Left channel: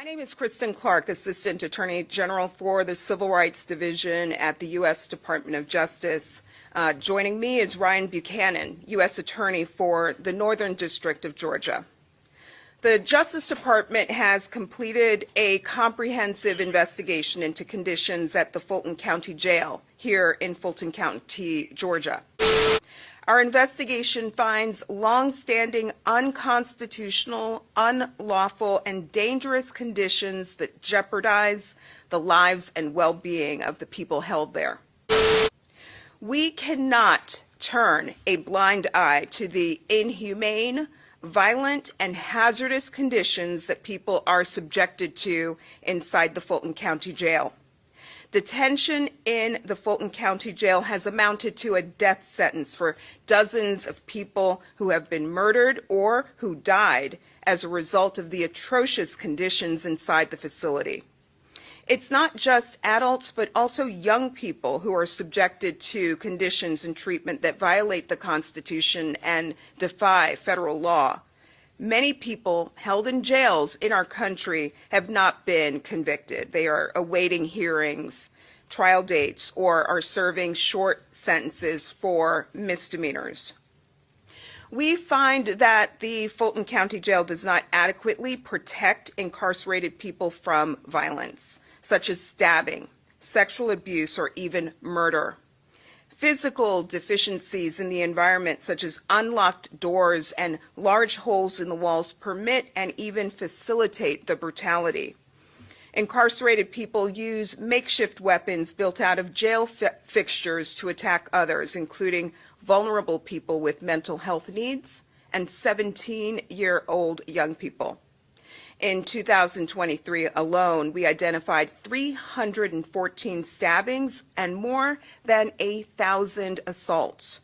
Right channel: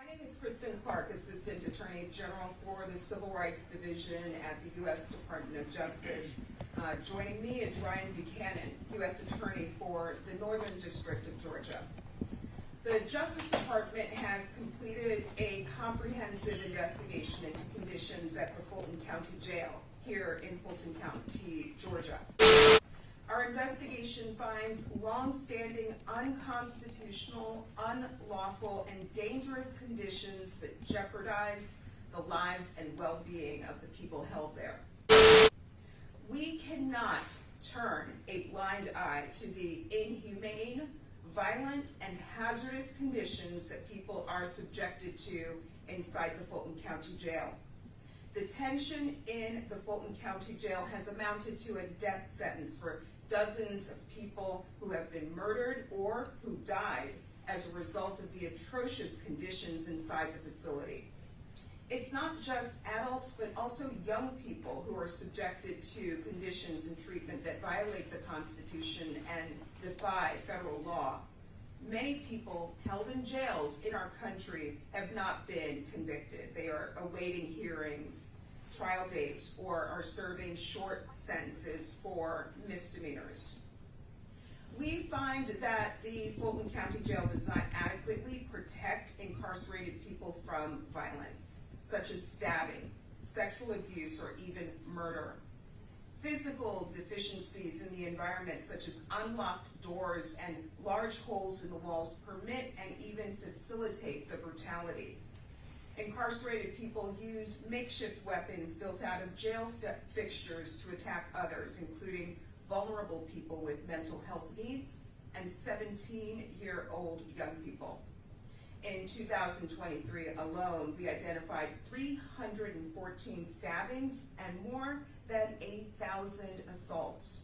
My name is Kristen Clark, Assistant Attorney General for the Civil Rights Division at the U.S. Department of Justice. Joining me is Ryan Buchanan, U.S. Attorney for the Northern District of Georgia. The Justice Department has completed a comprehensive investigation into conditions at the Fulton County Jail here in Fulton County, Georgia. Our investigation finds long-standing unconstitutional, unlawful, and dangerous conditions that jeopardize the lives and well-being of the people held there. We cannot turn a blind eye to the inhumane, violent, and hazardous conditions that people are subjected to inside the Fulton County Jail. Detention in the Fulton County Jail has amounted to a death sentence for dozens of people who have been murdered or who died as a result of the atrocious conditions inside the facility. It's not just adults, but also young people who are subjected to conditions and treatment that violate the Constitution and defy federal law. Many people held in jails in our country have not been convicted. They are awaiting hearings, trial dates, or are serving short sentences for misdemeanors. We find that the Fulton County Jail does not adequately protect incarcerated people from violence, such as stabbing, sexual abuse, or even murder. Physical deficiencies in the environment, such as unlocked doors and large holes in the walls, permit and even facilitate the brutality. Incarcerated people use makeshift weapons built out of jail fixtures to attack others, including vulnerable people with mental health needs and 17-year-old young people. In 2023 alone, we identified 314 stabbings and more than 1,000 assaults.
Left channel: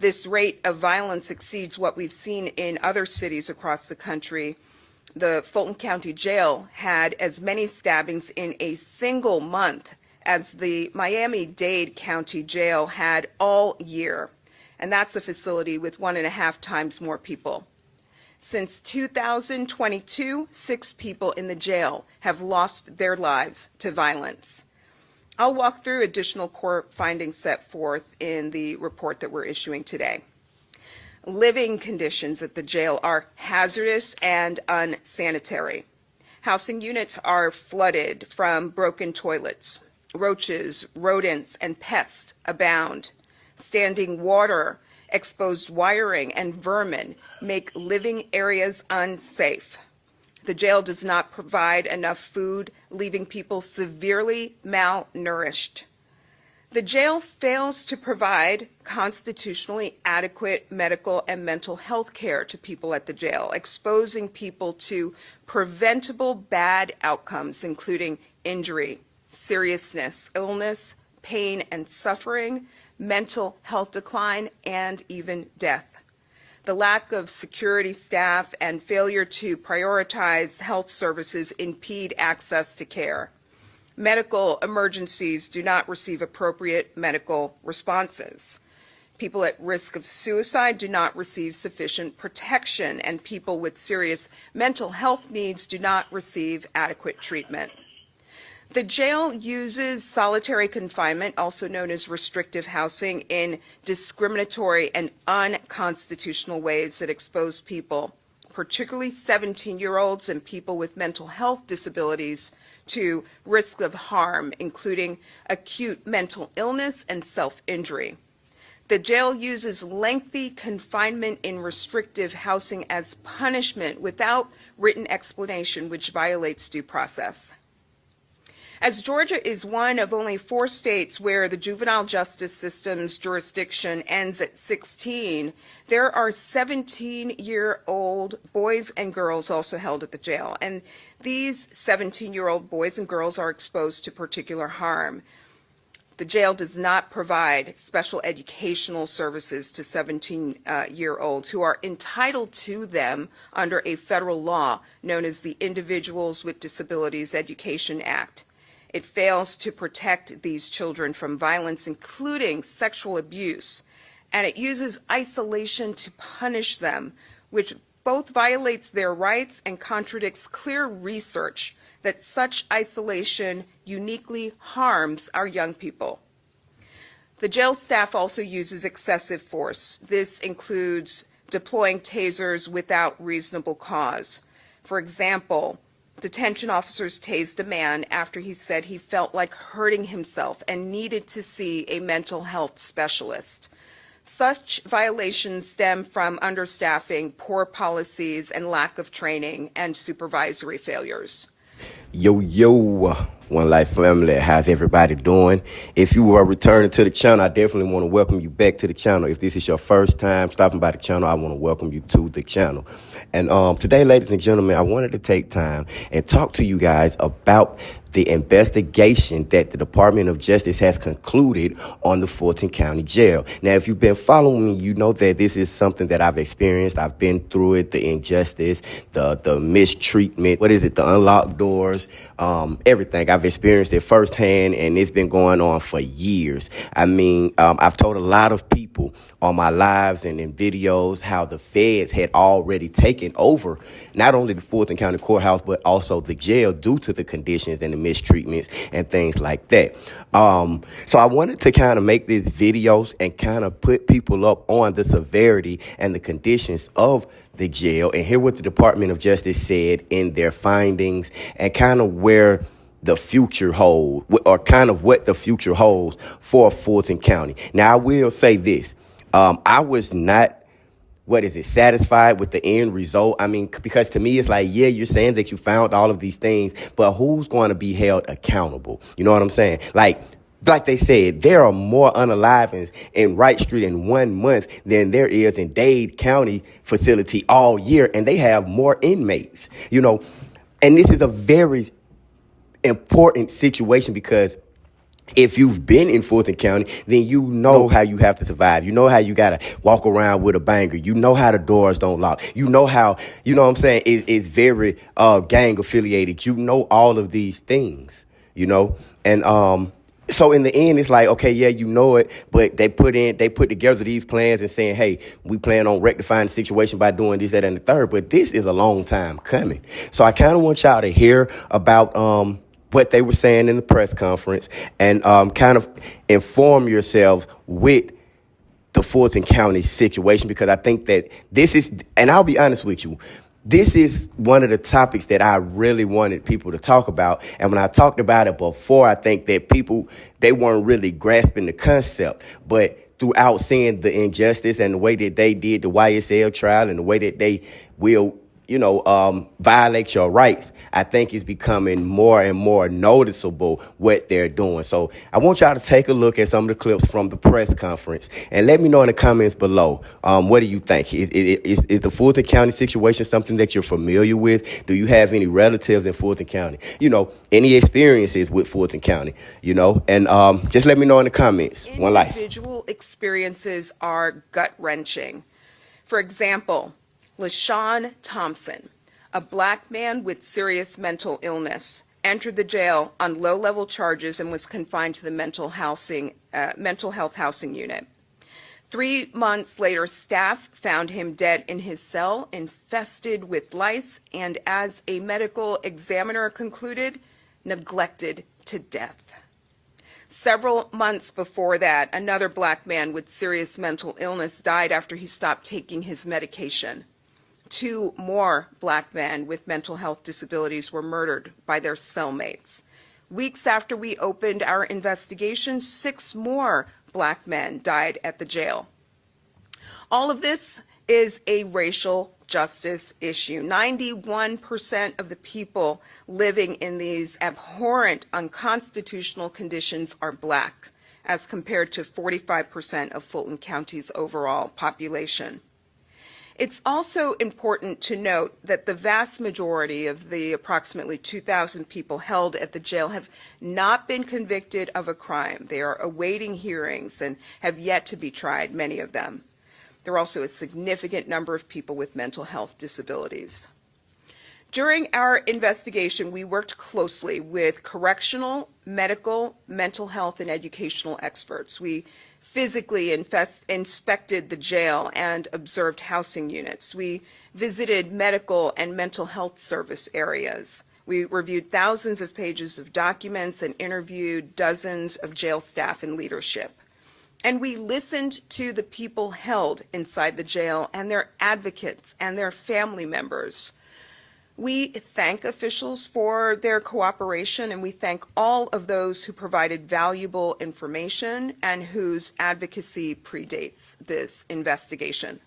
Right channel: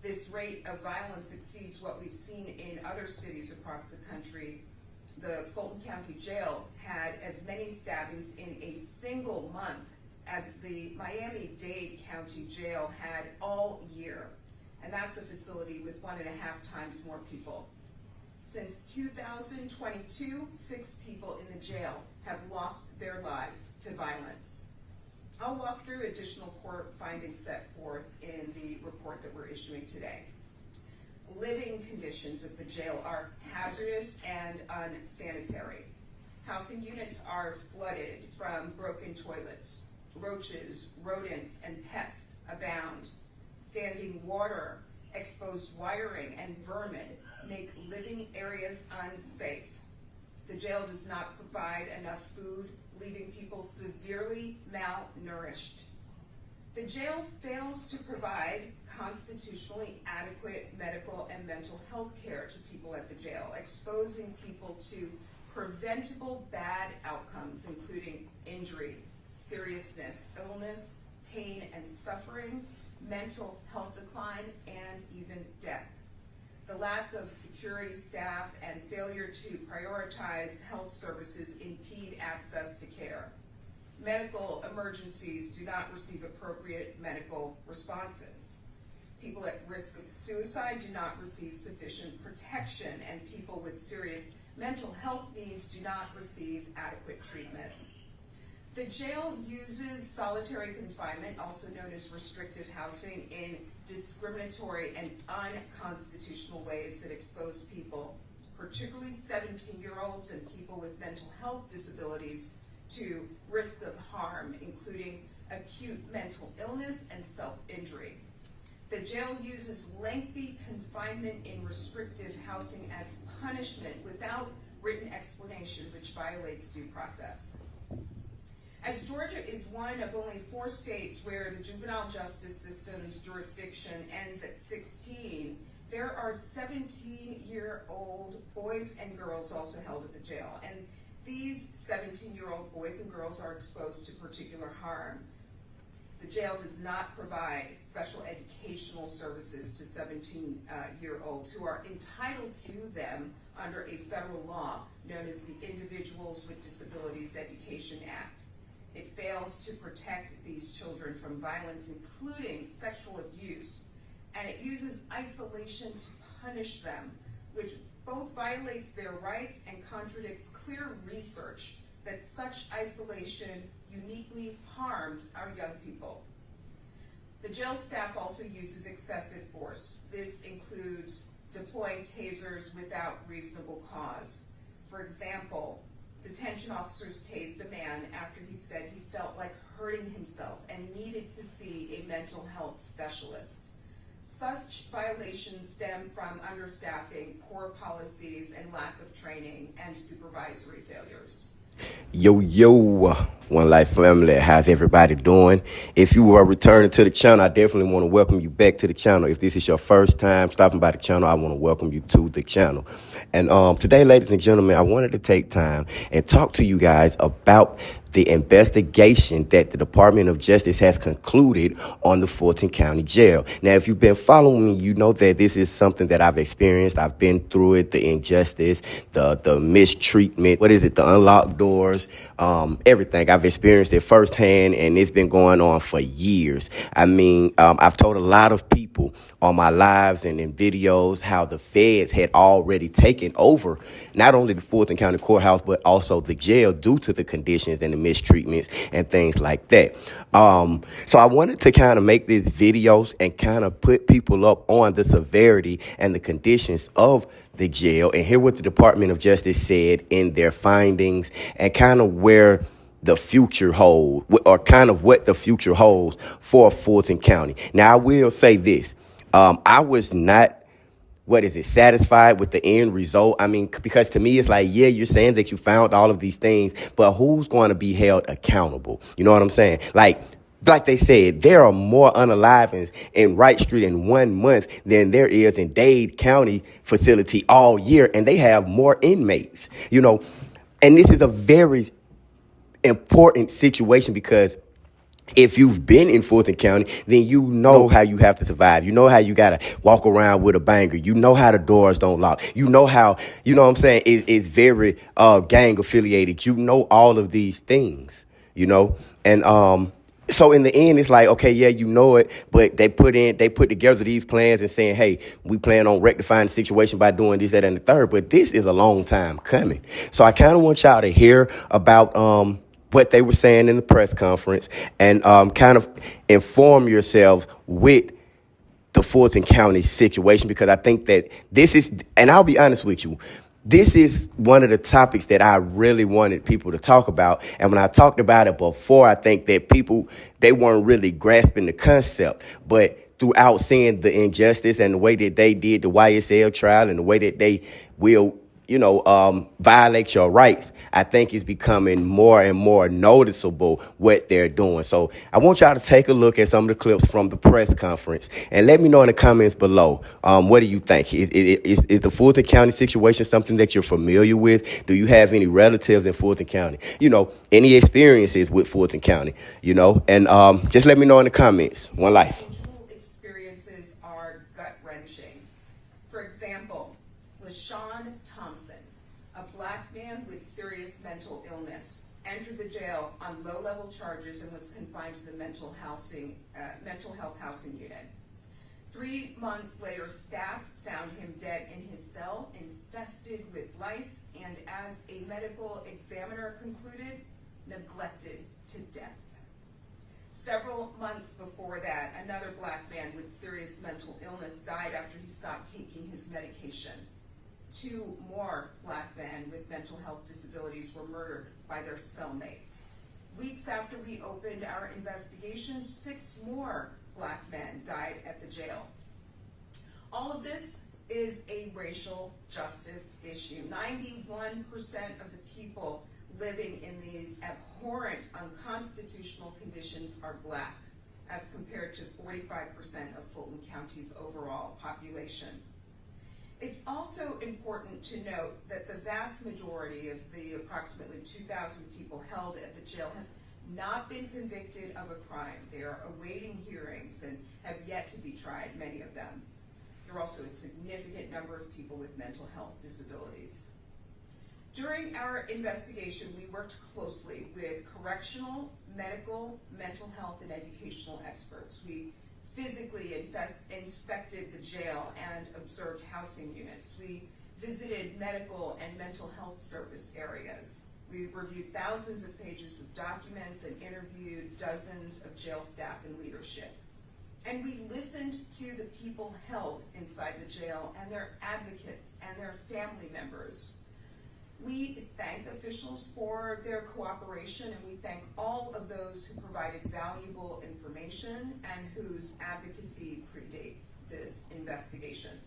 This rate of violence exceeds what we've seen in other cities across the country. The Fulton County Jail had as many stabbings in a single month as the Miami-Dade County Jail had all year, and that's a facility with 1.5 times more people. Since 2022, 6 people in the jail have lost their lives to violence. I'll walk through additional core findings set forth in the report that we're issuing today. Living conditions at the jail are hazardous and unsanitary. Housing units are flooded from broken toilets. Roaches, rodents, and pests abound. Standing water, exposed wiring, and vermin make living areas unsafe. The jail does not provide enough food, leaving people severely malnourished. The jail fails to provide constitutionally adequate medical and mental health care to people at the jail, exposing people to preventable bad outcomes, including injury, seriousness, illness, pain and suffering, mental health decline, and even death. The lack of security staff and failure to prioritize health services impede access to care. Medical emergencies do not receive appropriate medical responses. People at risk of suicide do not receive sufficient protection, and people with serious mental health needs do not receive adequate treatment. The jail uses solitary confinement, also known as restrictive housing, in discriminatory and unconstitutional ways that expose people, particularly 17-year-olds and people with mental health disabilities, to risk of harm, including acute mental illness and self-injury. The jail uses lengthy confinement in restrictive housing as punishment without written explanation, which violates due process. As Georgia is one of only 4 states where the juvenile justice system's jurisdiction ends at 16, there are 17-year-old boys and girls also held at the jail, and these 17-year-old boys and girls are exposed to particular harm. The jail does not provide special educational services to 17-year-olds who are entitled to them under a federal law known as the Individuals with Disabilities Education Act. It fails to protect these children from violence, including sexual abuse, and it uses isolation to punish them, which both violates their rights and contradicts clear research that such isolation uniquely harms our young people. The jail staff also uses excessive force. This includes deploying tasers without reasonable cause. For example, detention officers tased a man after he said he felt like hurting himself and needed to see a mental health specialist. Such violations stem from understaffing, poor policies, and lack of training and supervisory failures. Yo, One Life family, how's everybody doing? If you are returning to the channel, I definitely want to welcome you back to the channel. If this is your first time stopping by the channel, I want to welcome you to the channel. And today, ladies and gentlemen, I wanted to take time and talk to you guys about the investigation that the Department of Justice has concluded on the Fulton County Jail. Now, if you've been following me, you know that this is something that I've experienced. I've been through it, the injustice, the mistreatment, the unlocked doors, everything. I've experienced it firsthand, and it's been going on for years. I mean, I've told a lot of people on my lives and in videos how the feds had already taken over not only the Fulton County Courthouse, but also the jail due to the conditions and the mistreatments and things like that. So I wanted to kind of make these videos and kind of put people up on the severity and the conditions of the jail and hear what the Department of Justice said in their findings and kind of where the future holds, or kind of what the future holds for Fulton County. Now, I will say this. I was not satisfied with the end result. I mean, because to me, it's like, yeah, you're saying that you found all of these things, but who's going to be held accountable? You know what I'm saying? Like they said, there are more unalivings in Wright Street in 1 month than there is in Dade County facility all year, and they have more inmates, you know. And this is a very important situation because if you've been in Fulton County, then you know how you have to survive. You know how you got to walk around with a banger. You know how the doors don't lock. You know how, you know what I'm saying, it's very gang affiliated. You know all of these things, you know. And so in the end, it's like, okay, yeah, you know it, but they put together these plans and saying, hey, we plan on rectifying the situation by doing this, that, and the third. But this is a long time coming. So I kind of want y'all to hear about what they were saying in the press conference and kind of inform yourselves with the Fulton County situation, because I think that this is, and I'll be honest with you, this is one of the topics that I really wanted people to talk about. And when I talked about it before, I think that people, they weren't really grasping the concept. But throughout seeing the injustice and the way that they did the YSL trial and the way that they will, violate your rights, I think it's becoming more and more noticeable what they're doing. So I want y'all to take a look at some of the clips from the press conference and let me know in the comments below. What do you think? Is the Fulton County situation something that you're familiar with? Do you have any relatives in Fulton County? You know, any experiences with Fulton County, you know, and just let me know in the comments. One Life. Individual experiences are gut-wrenching. For example, LaShawn Thompson, a black man with serious mental illness, entered the jail on low-level charges and was confined to the mental health housing unit. 3 months later, staff found him dead in his cell, infested with lice, and as a medical examiner concluded, neglected to death. Several months before that, another black man with serious mental illness died after he stopped taking his medication. 2 more black men with mental health disabilities were murdered by their cellmates. Weeks after we opened our investigation, 6 more black men died at the jail. All of this is a racial justice issue. 91% of the people living in these abhorrent, unconstitutional conditions are black, as compared to 45% of Fulton County's overall population. It's also important to note that the vast majority of the approximately 2,000 people held at the jail have not been convicted of a crime. They are awaiting hearings and have yet to be tried, many of them. There are also a significant number of people with mental health disabilities. During our investigation, we worked closely with correctional, medical, mental health, and educational experts. We physically inspected the jail and observed housing units. We visited medical and mental health service areas. We reviewed thousands of pages of documents and interviewed dozens of jail staff and leadership. And we listened to the people held inside the jail and their advocates and their family members. We thank officials for their cooperation, and we thank all of those who provided valuable information and whose advocacy predates this investigation.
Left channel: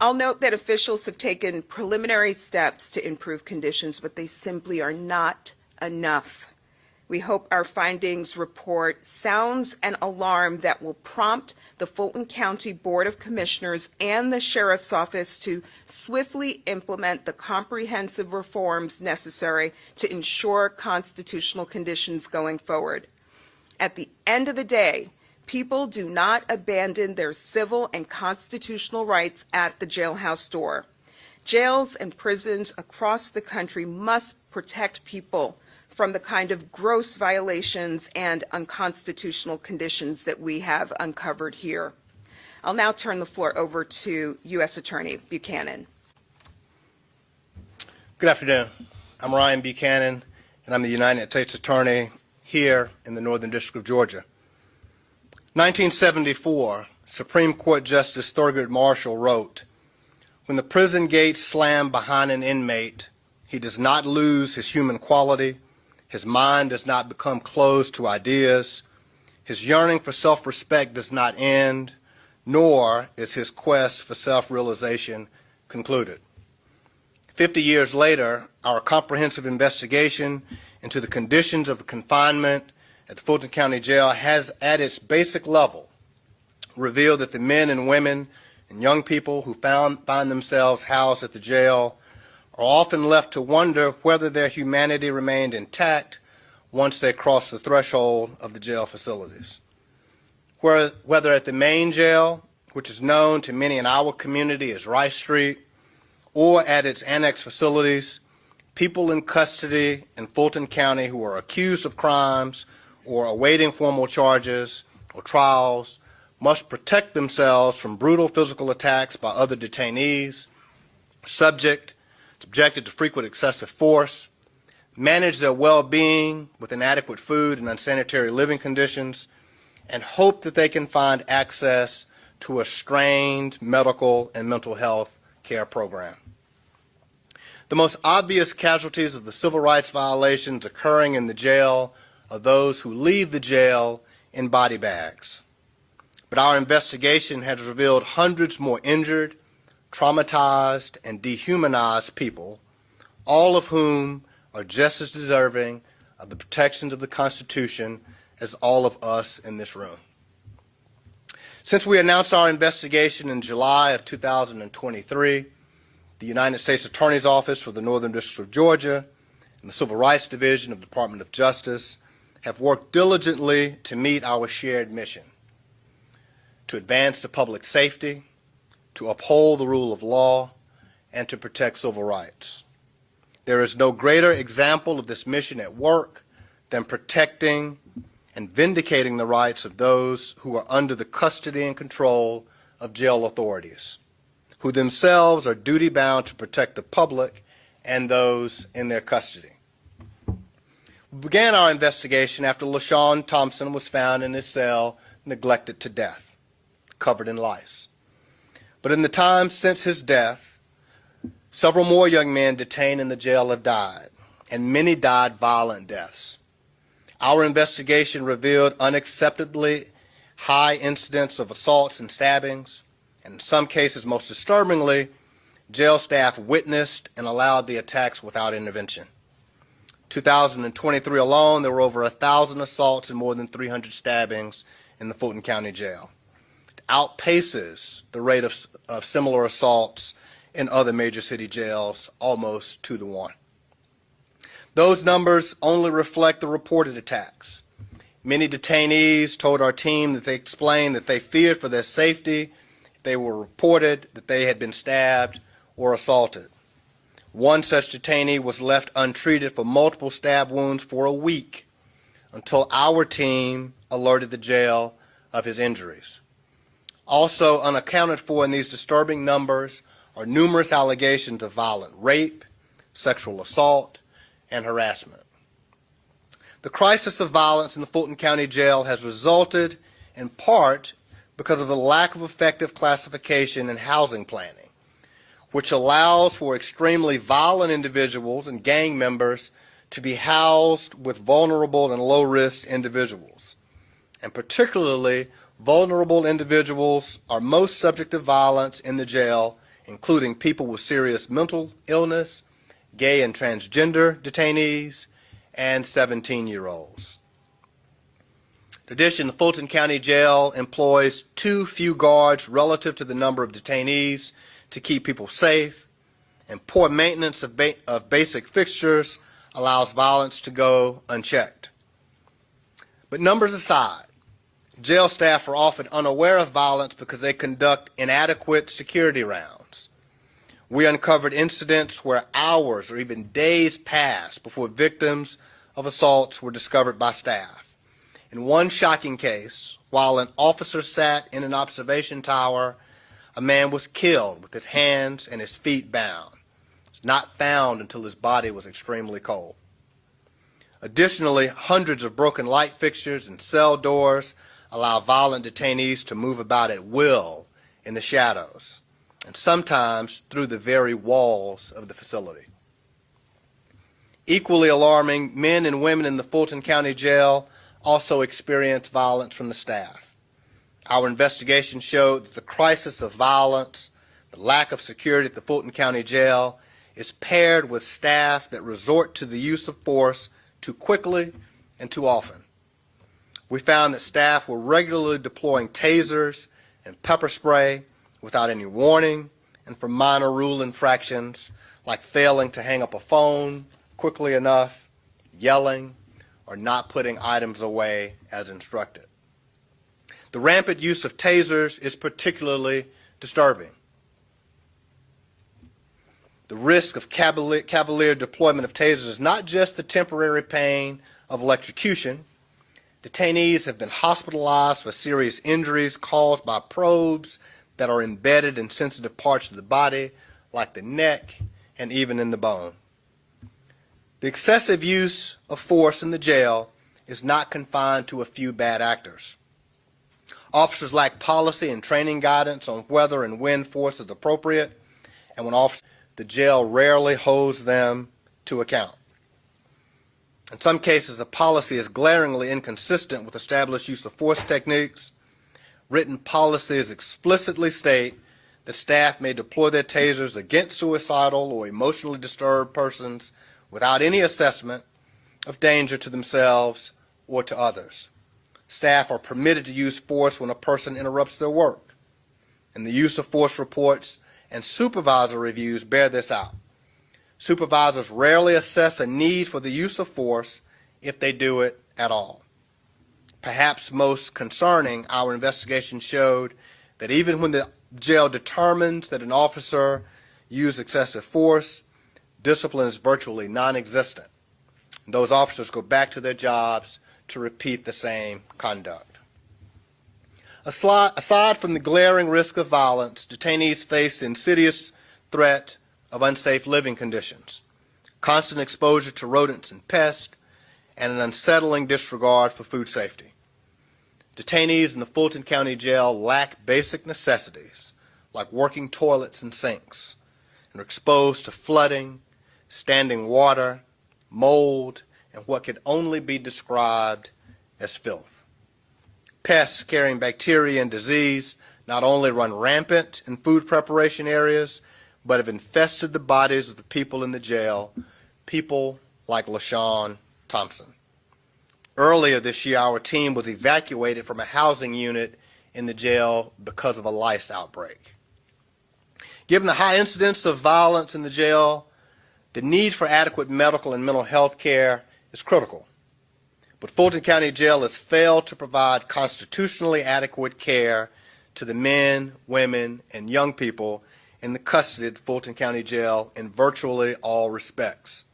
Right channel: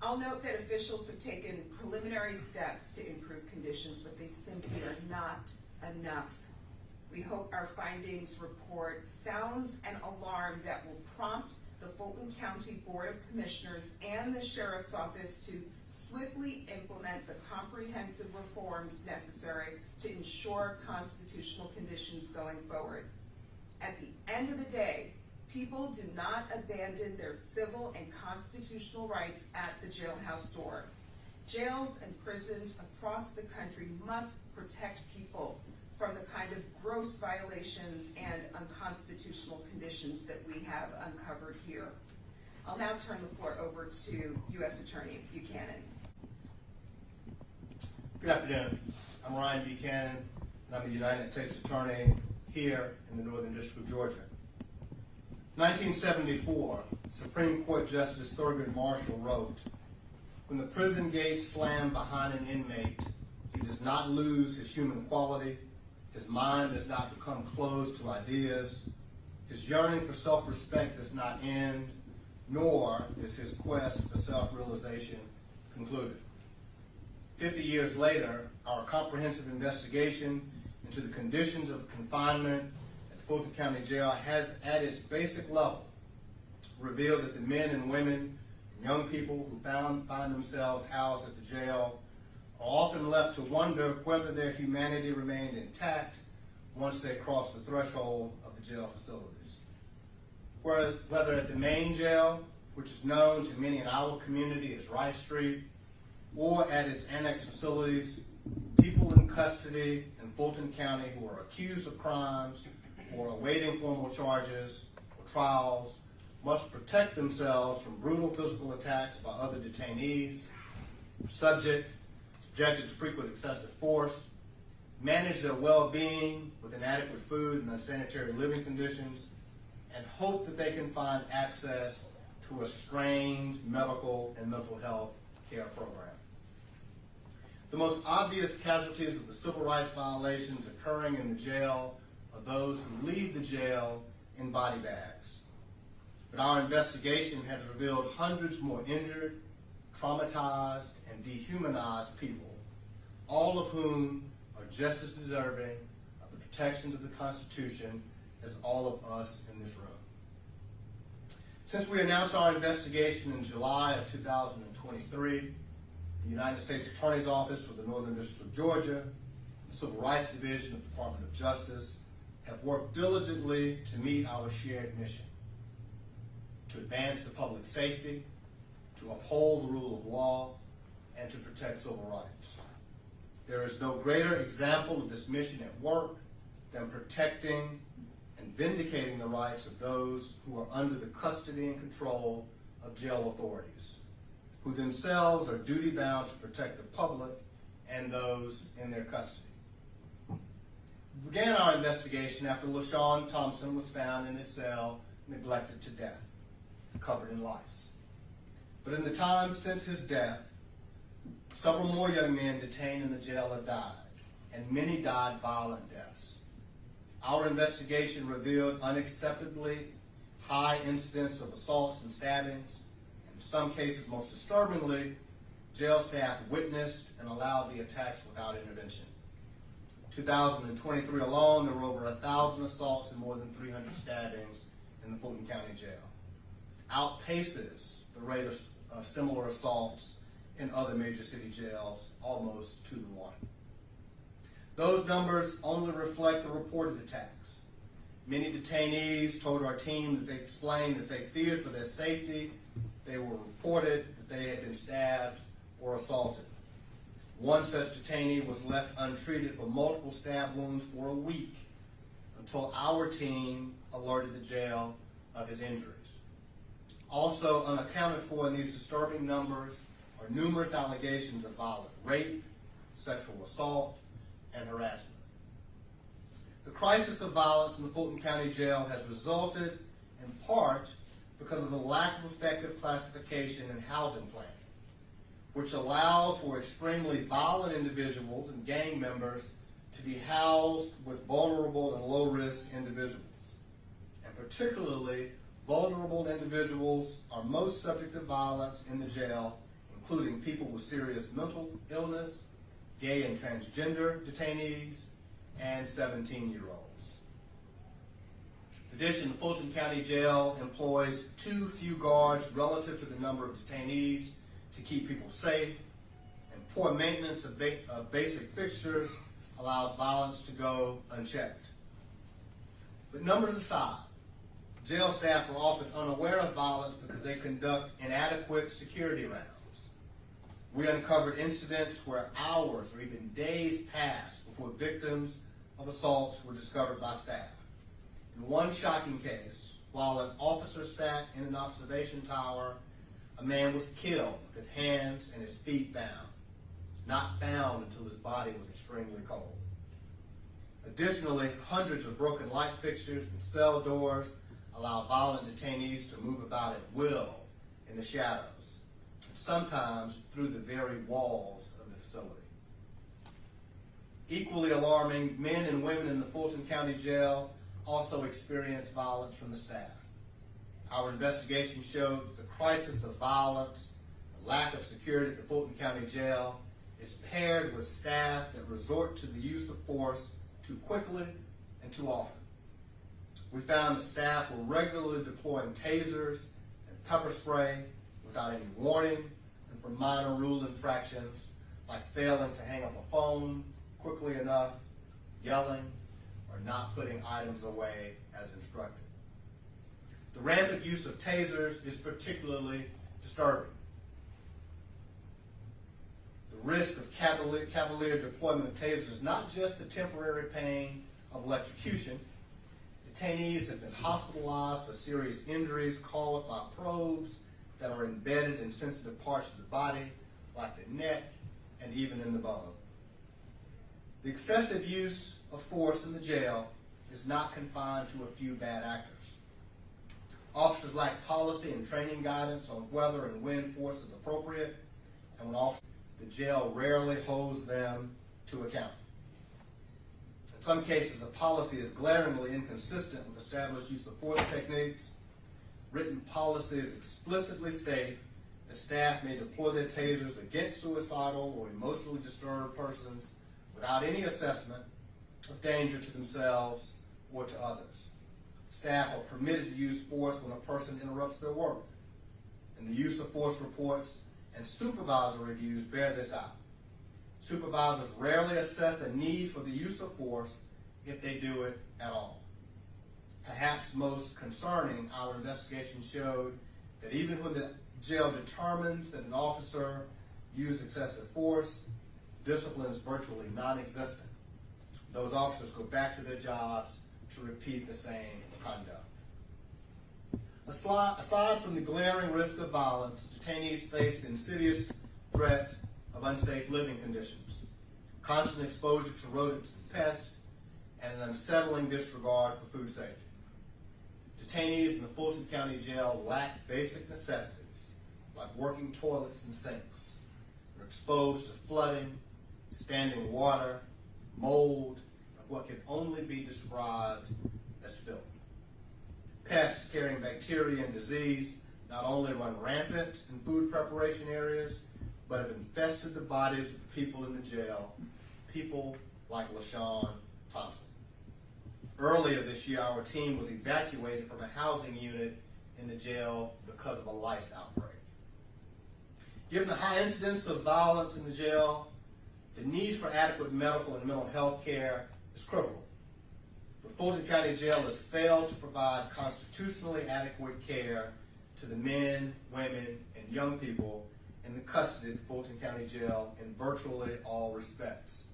I'll note that officials have taken preliminary steps to improve conditions, but they simply are not enough. We hope our findings report sounds an alarm that will prompt the Fulton County Board of Commissioners and the Sheriff's Office to swiftly implement the comprehensive reforms necessary to ensure constitutional conditions going forward. At the end of the day, people do not abandon their civil and constitutional rights at the jailhouse door. Jails and prisons across the country must protect people from the kind of gross violations and unconstitutional conditions that we have uncovered here. I'll now turn the floor over to U.S. Attorney Buchanan. Good afternoon. I'm Ryan Buchanan, and I'm the United States Attorney here in the Northern District of Georgia. 1974, Supreme Court Justice Thurgood Marshall wrote, "When the prison gates slam behind an inmate, he does not lose his human quality, his mind does not become closed to ideas, his yearning for self-respect does not end, nor is his quest for self-realization concluded." 50 years later, our comprehensive investigation into the conditions of confinement at the Fulton County Jail has, at its basic level, revealed that the men and women and young people who find themselves housed at the jail are often left to wonder whether their humanity remained intact once they crossed the threshold of the jail facilities. Whether at the main jail, which is known to many in our community as Rice Street, or at its annex facilities, people in custody in Fulton County who are accused of crimes or awaiting formal charges or trials must protect themselves from brutal physical attacks by other detainees, subjected to frequent excessive force, manage their well-being with inadequate food and unsanitary living conditions, and hope that they can find access to a strained medical and mental health care program. The most obvious casualties of the civil rights violations occurring in the jail are those who leave the jail in body bags. But our investigation has revealed hundreds more injured, traumatized, and dehumanized people, all of whom are just as deserving of the protections of the Constitution as all of us in this room. Since we announced our investigation in July of 2023, the United States Attorney's Office for the Northern District of Georgia and the Civil Rights Division of the Department of Justice have worked diligently to meet our shared mission: to advance the public safety, to uphold the rule of law, and to protect civil rights. There is no greater example of this mission at work than protecting and vindicating the rights of those who are under the custody and control of jail authorities, who themselves are duty-bound to protect the public and those in their custody. We began our investigation after LaShawn Thompson was found in his cell, neglected to death, covered in lice. But in the time since his death, several more young men detained in the jail have died, and many died violent deaths. Our investigation revealed unacceptably high incidents of assaults and stabbings, and in some cases, most disturbingly, jail staff witnessed and allowed the attacks without intervention. 2023 alone, there were over 1,000 assaults and more than 300 stabbings in the Fulton County Jail. It outpaces the rate of similar assaults in other major city jails, almost 2 to 1. Those numbers only reflect the reported attacks. Many detainees told our team that they explained that they feared for their safety if they were reported that they had been stabbed or assaulted. One such detainee was left untreated for multiple stab wounds for a week until our team alerted the jail of his injuries. Also unaccounted for in these disturbing numbers are numerous allegations of violent rape, sexual assault, and harassment. The crisis of violence in the Fulton County Jail has resulted in part because of the lack of effective classification and housing planning, which allows for extremely violent individuals and gang members to be housed with vulnerable and low-risk individuals. And particularly, vulnerable individuals are most subject to violence in the jail, including people with serious mental illness, gay and transgender detainees, and 17-year-olds. In addition, the Fulton County Jail employs too few guards relative to the number of detainees to keep people safe, and poor maintenance of basic fixtures allows violence to go unchecked. But numbers aside, jail staff are often unaware of violence because they conduct inadequate security rounds. We uncovered incidents where hours or even days passed before victims of assaults were discovered by staff. In one shocking case, while an officer sat in an observation tower, a man was killed with his hands and his feet bound. He was not found until his body was extremely cold. Additionally, hundreds of broken light fixtures and cell doors allow violent detainees to move about at will in the shadows, and sometimes through the very walls of the facility. Equally alarming, men and women in the Fulton County Jail also experience violence from the staff. Our investigation showed that the crisis of violence, the lack of security at the Fulton County Jail, is paired with staff that resort to the use of force too quickly and too often. We found that staff were regularly deploying tasers and pepper spray without any warning and for minor rule infractions like failing to hang up a phone quickly enough, yelling, or not putting items away as instructed. The rampant use of tasers is particularly disturbing. The risk of cavalier deployment of tasers is not just the temporary pain of electrocution. Detainees have been hospitalized for serious injuries caused by probes that are embedded in sensitive parts of the body, like the neck and even in the bone. The excessive use of force in the jail is not confined to a few bad actors. Officers lack policy and training guidance on whether and when force is appropriate, and when the jail rarely holds them to account. In some cases, the policy is glaringly inconsistent with established use of force techniques. Written policies explicitly state that staff may deploy their tasers against suicidal or emotionally disturbed persons without any assessment of danger to themselves or to others. Staff are permitted to use force when a person interrupts their work, and the use of force reports and supervisor reviews bear this out. Supervisors rarely assess a need for the use of force if they do it at all. Perhaps most concerning, our investigation showed that even when the jail determines that an officer used excessive force, discipline is virtually non-existent. Those officers go back to their jobs to repeat the same conduct. Aside from the glaring risk of violence, detainees face the insidious threat of unsafe living conditions, constant exposure to rodents and pests, and an unsettling disregard for food safety. Detainees in the Fulton County Jail lack basic necessities like working toilets and sinks, and are exposed to flooding, standing water, mold, and what can only be described as filth. Pests carrying bacteria and disease not only run rampant in food preparation areas, but have infested the bodies of the people in the jail, people like LaShawn Thompson. Earlier this year, our team was evacuated from a housing unit in the jail because of a lice outbreak. Given the high incidence of violence in the jail, the need for adequate medical and mental health care is critical. But Fulton County Jail has failed to provide constitutionally adequate care to the men, women, and young people in the custody of Fulton County Jail in virtually all respects.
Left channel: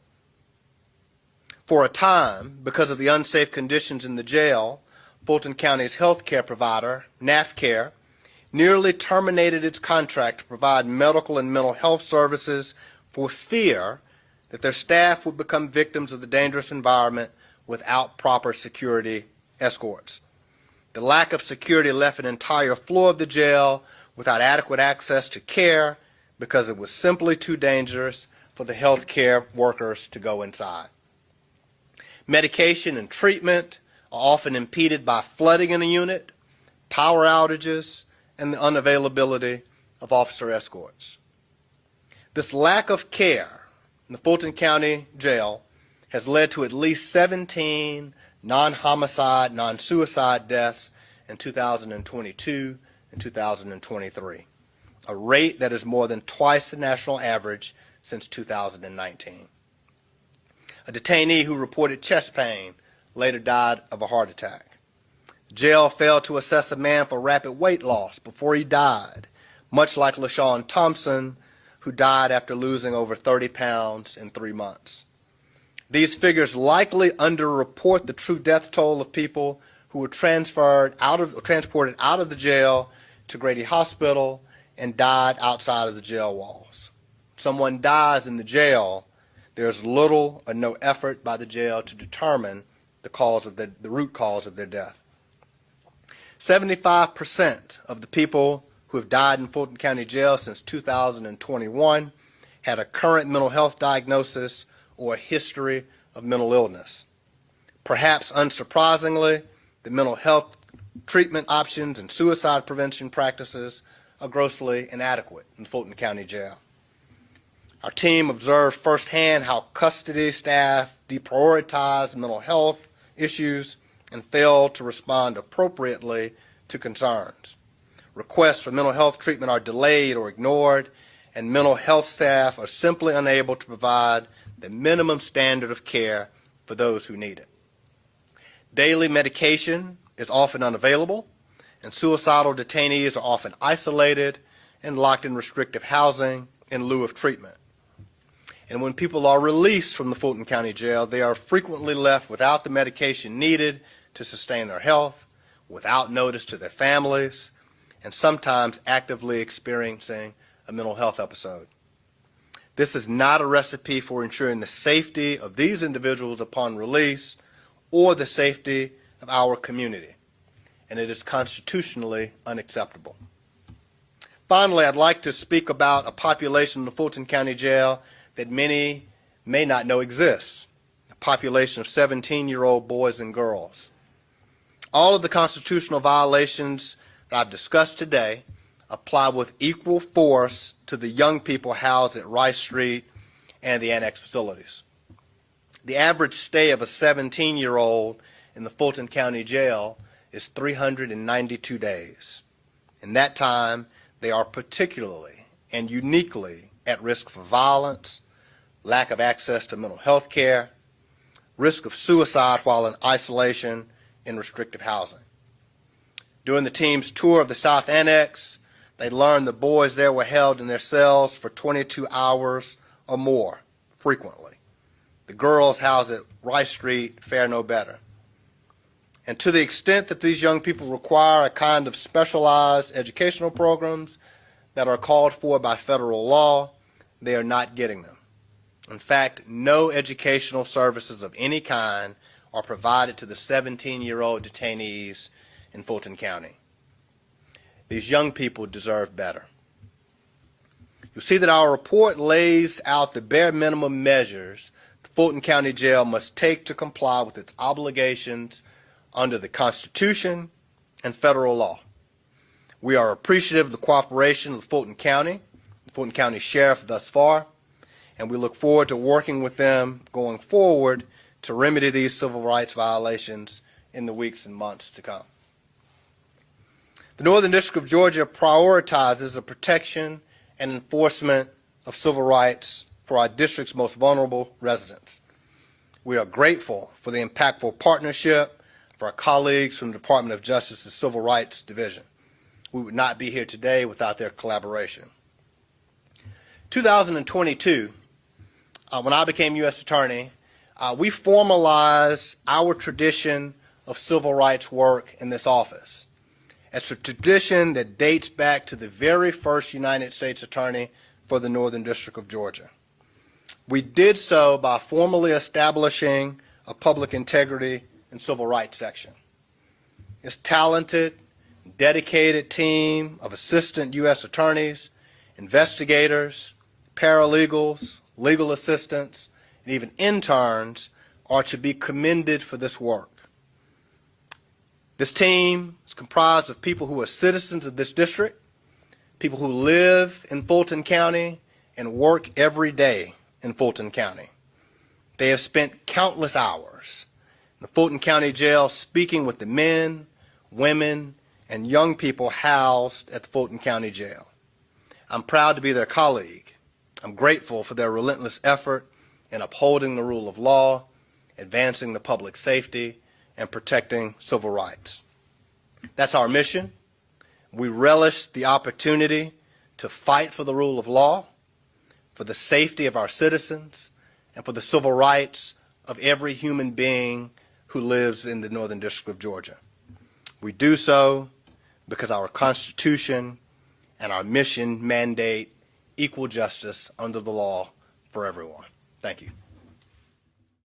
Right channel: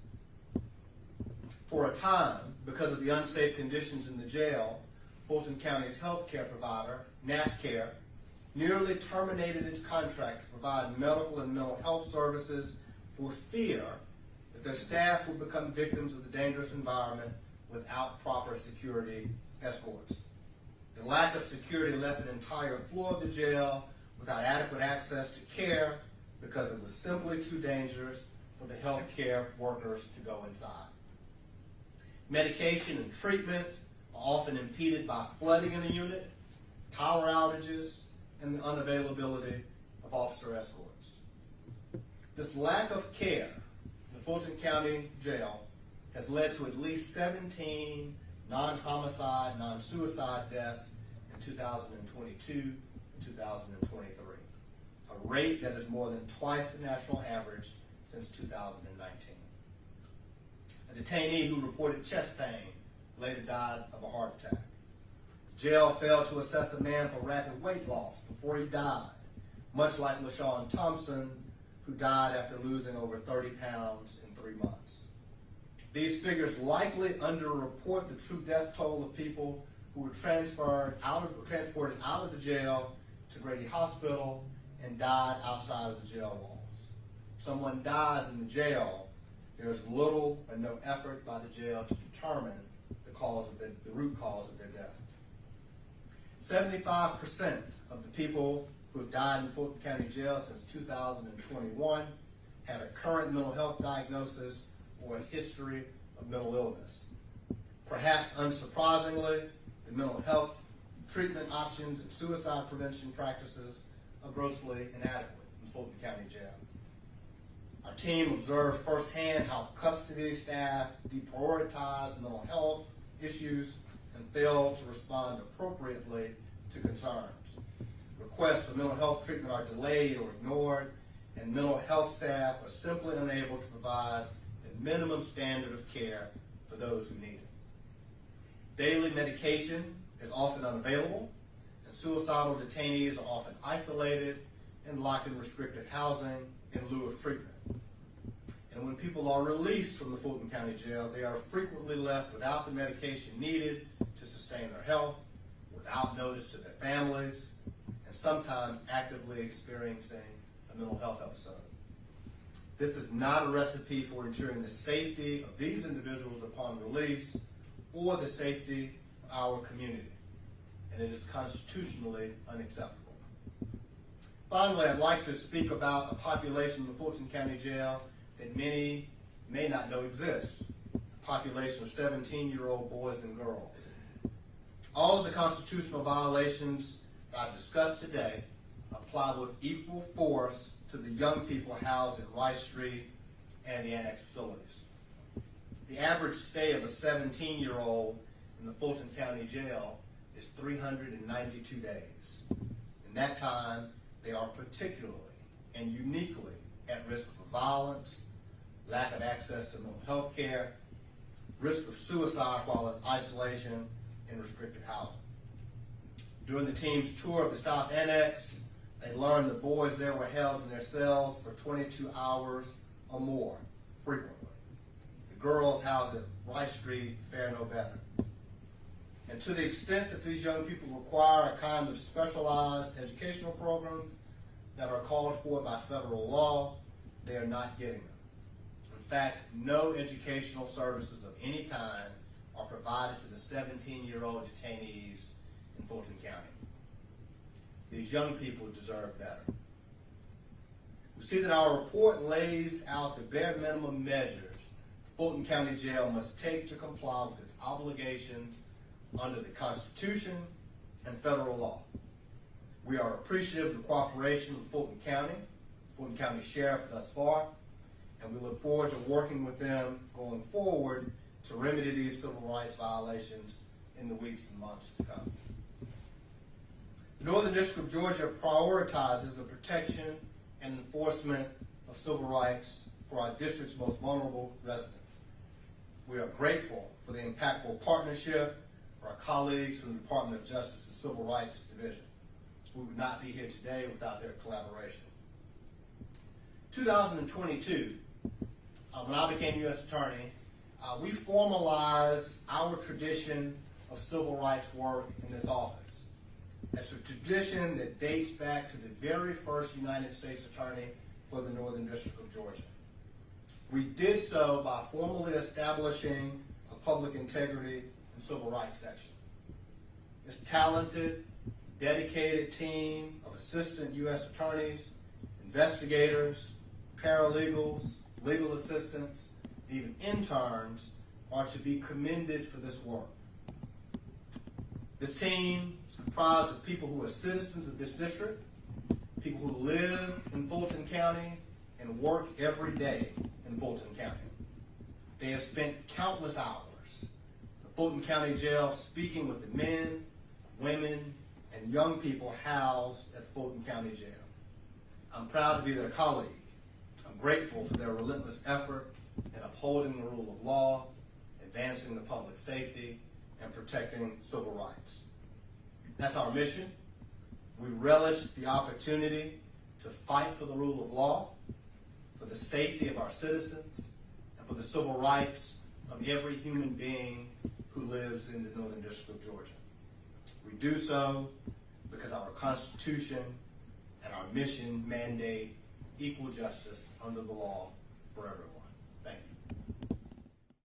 For a time, because of the unsafe conditions in the jail, Fulton County's health care provider, NAFCare, nearly terminated its contract to provide medical and mental health services for fear that their staff would become victims of the dangerous environment without proper security escorts. The lack of security left an entire floor of the jail without adequate access to care because it was simply too dangerous for the health care workers to go inside. Medication and treatment are often impeded by flooding in a unit, power outages, and the unavailability of officer escorts. This lack of care in the Fulton County Jail has led to at least 17 non-homicide, non-suicide deaths in 2022 and 2023, a rate that is more than twice the national average since 2019. A detainee who reported chest pain later died of a heart attack. The jail failed to assess a man for rapid weight loss before he died, much like LaShawn Thompson, who died after losing over 30 pounds in 3 months. These figures likely underreport the true death toll of people who were transported out of the jail to Grady Hospital and died outside of the jail walls. Someone dies in the jail, there's little or no effort by the jail to determine the root cause of their death. 75% of the people who have died in Fulton County Jail since 2021 had a current mental health diagnosis or a history of mental illness. Perhaps unsurprisingly, the mental health treatment options and suicide prevention practices are grossly inadequate in Fulton County Jail. Our team observed firsthand how custody staff deprioritize mental health issues and fail to respond appropriately to concerns. Requests for mental health treatment are delayed or ignored, and mental health staff are simply unable to provide the minimum standard of care for those who need it. Daily medication is often unavailable, and suicidal detainees are often isolated and locked in restrictive housing in lieu of treatment. And when people are released from the Fulton County Jail, they are frequently left without the medication needed to sustain their health, without notice to their families, and sometimes actively experiencing a mental health episode. This is not a recipe for ensuring the safety of these individuals upon release or the safety of our community, and it is constitutionally unacceptable. Finally, I'd like to speak about a population in the Fulton County Jail that many may not know exists, a population of 17-year-old boys and girls. All of the constitutional violations that I've discussed today apply with equal force to the young people housed at Rice Street and the annex facilities. The average stay of a 17-year-old in the Fulton County Jail is 392 days. In that time, they are particularly and uniquely at risk for violence, lack of access to mental health care, risk of suicide while in isolation in restrictive housing. During the team's tour of the South Annex, they learned the boys there were held in their cells for 22 hours or more, frequently. The girls housed at Rice Street fare no better. And to the extent that these young people require a kind of specialized educational programs that are called for by federal law, they are not getting them. In fact, no educational services of any kind are provided to the 17-year-old detainees in Fulton County. These young people deserve better. You'll see that our report lays out the bare minimum measures the Fulton County Jail must take to comply with its obligations under the Constitution and federal law. We are appreciative of the cooperation of the Fulton County Sheriff thus far, and we look forward to working with them going forward to remedy these civil rights violations in the weeks and months to come. The Northern District of Georgia prioritizes the protection and enforcement of civil rights for our district's most vulnerable residents. We are grateful for the impactful partnership of our colleagues from the Department of Justice's Civil Rights Division. We would not be here today without their collaboration. 2022, when I became U.S. Attorney, we formalized our tradition of civil rights work in this office. It's a tradition that dates back to the very first United States Attorney for the Northern District of Georgia. We did so by formally establishing a public integrity and civil rights section. This talented, dedicated team of assistant U.S. attorneys, investigators, paralegals, legal assistants, and even interns are to be commended for this work. This team is comprised of people who are citizens of this district, people who live in Fulton County and work every day in Fulton County. They have spent countless hours in the Fulton County Jail speaking with the men, women, and young people housed at the Fulton County Jail. I'm proud to be their colleague. I'm grateful for their relentless effort in upholding the rule of law, advancing the public safety, and protecting civil rights. That's our mission. We relish the opportunity to fight for the rule of law, for the safety of our citizens, and for the civil rights of every human being who lives in the Northern District of Georgia. We do so because our Constitution and our mission mandate equal justice under the law for everyone. Thank you.